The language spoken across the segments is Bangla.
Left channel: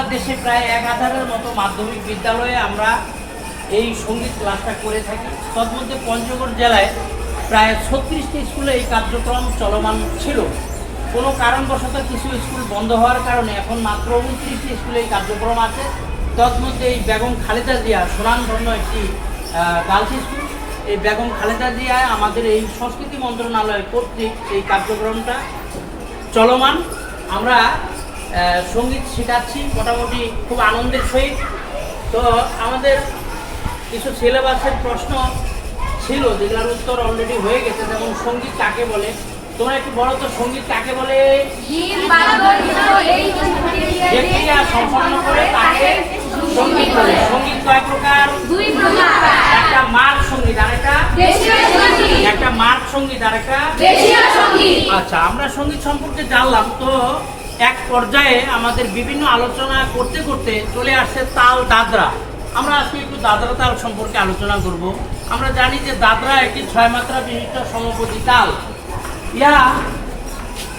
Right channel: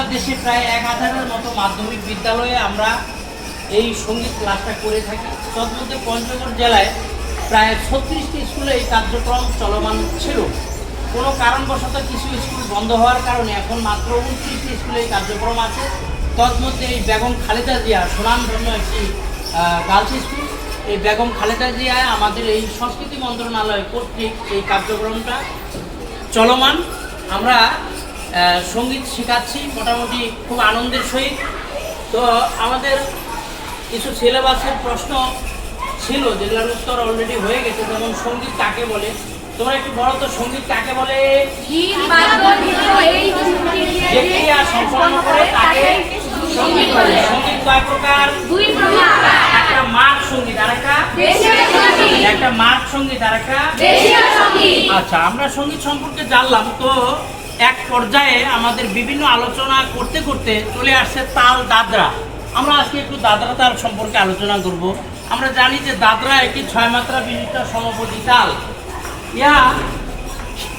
বাংলাদেশে প্রায় এক হাজারের মতো মাধ্যমিক বিদ্যালয়ে আমরা এই সংগীত ক্লাসটা করে থাকি। তন্মধ্যে পঞ্চগড় জেলায় প্রায় ছত্রিশটি স্কুলে এই কার্যক্রম চলমান ছিল। কোনো কারণবশত কিছু স্কুল বন্ধ হওয়ার কারণে এখন মাত্র উনত্রিশটি স্কুলে এই কার্যক্রম আছে। তন্মধ্যে এই বেগম খালেদা জিয়া সুনামধন্য একটি গার্লস স্কুল। এই বেগম খালেদা জিয়ায় আমাদের এই সংস্কৃতি মন্ত্রণালয় কর্তৃক এই কার্যক্রমটা চলমান। আমরা সংগীত শেখাচ্ছি মোটামুটি খুব আনন্দের সহিত। তো আমাদের কিছু সিলেবাসের প্রশ্ন ছিল যেগুলোর উত্তর অলরেডি হয়ে গেছে যেমন সংগীত কাকে বলে? তোমরা একটু বলো তো সংগীত কাকে বলে? যে ক্রিয়া সম্পন্ন করে তাকে সংগীত বলে। সংগীত কয় প্রকার? একটা মার্গ সংগীত আরেকটা? একটা মার্গ সংগীত আরেকটা? আচ্ছা আমরা সংগীত সম্পর্কে জানলাম তো এক পর্যায়ে আমাদের বিভিন্ন আলোচনা করতে করতে চলে আসছে তাল দাদরা। আমরা আজকে একটু দাদরা তাল সম্পর্কে আলোচনা করব। আমরা জানি যে দাদরা একটি ছয় মাত্রা বিশিষ্ট সমপতি তাল। ইয়া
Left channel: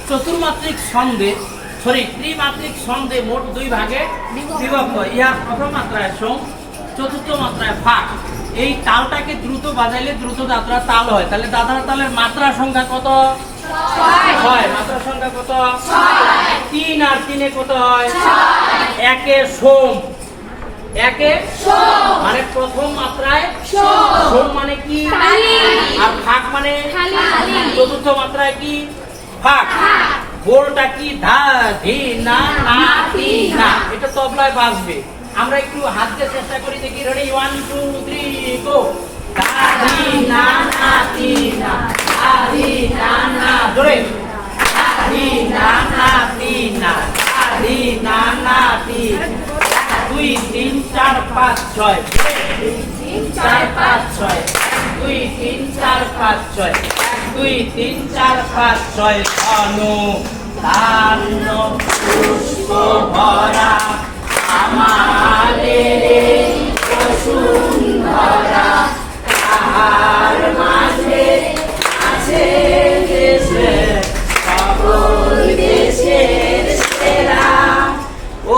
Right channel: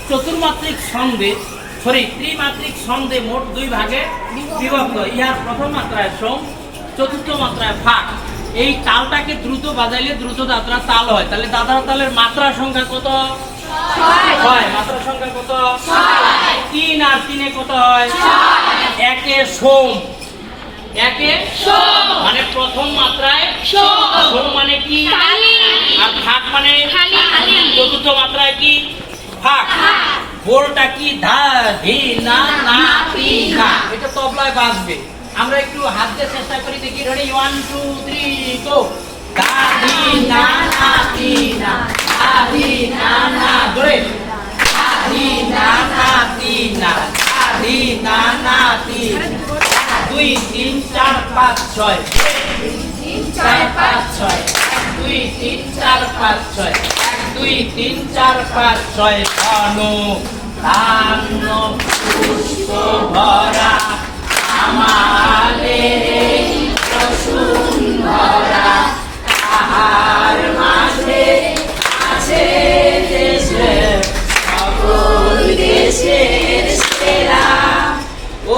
চতুর্মাত্রিক ছন্দে সরি ত্রিমাত্রিক ছন্দে মোট দুই ভাগে বিভক্ত। ইহার প্রথম মাত্রায় সোম, চতুর্থ মাত্রায় ফাঁক। এই তালটাকে দ্রুত বাজাইলে দ্রুত দাদরা তাল হয়। তাহলে দাদরা তালের মাত্রা সংখ্যা কত? হয় মাত্রা সংখ্যা কত? তিন আর তিনে কত হয় একে সোম। একে মানে প্রথম মাত্রায় সোম। মানে কি? খালি। আর ফাঁক মানে? খালি, খালি। চতুর্থ মাত্রায় কি? ফাঁক বোলটা কি? ধা ধি না না তি না। এটা তবলায় বাজবে। আমরা একটু হাত দিয়ে চেষ্টা করি দেখি ready one two three go ধি না না না। দুই তিন চার পাঁচ ছয়। চার পাঁচ ছয়। দুই তিন চার পাঁচ ছয়। দুই তিন চার পাঁচ ছয়। ধন ধান্য পুষ্প।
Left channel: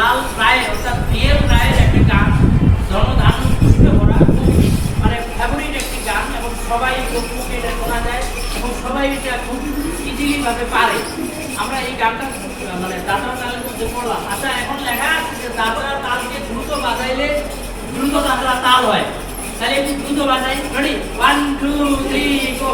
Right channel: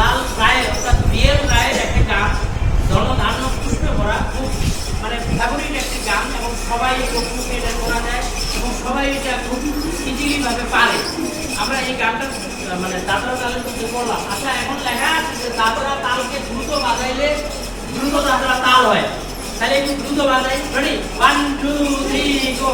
লাল রায়ের অর্থাৎ বিয়ের রায়ের একটি গান ধর্মধান্য পুষ্পে ভরা খুব মানে ফেভারিট একটি গান এবং সবাই লোকমুখে এটা শোনা যায় এবং সবাই এটা খুব ইজিলি ভাবে পারে। আমরা এই গানটা মানে দাদরা তালের মধ্যে পড়লাম। আচ্ছা এখন লেখা আছে যে দাদরা তালকে দ্রুত বাজাইলে দ্রুত দাদরা তাল হয়। তাহলে একটু দ্রুত বাজাই ready one two three go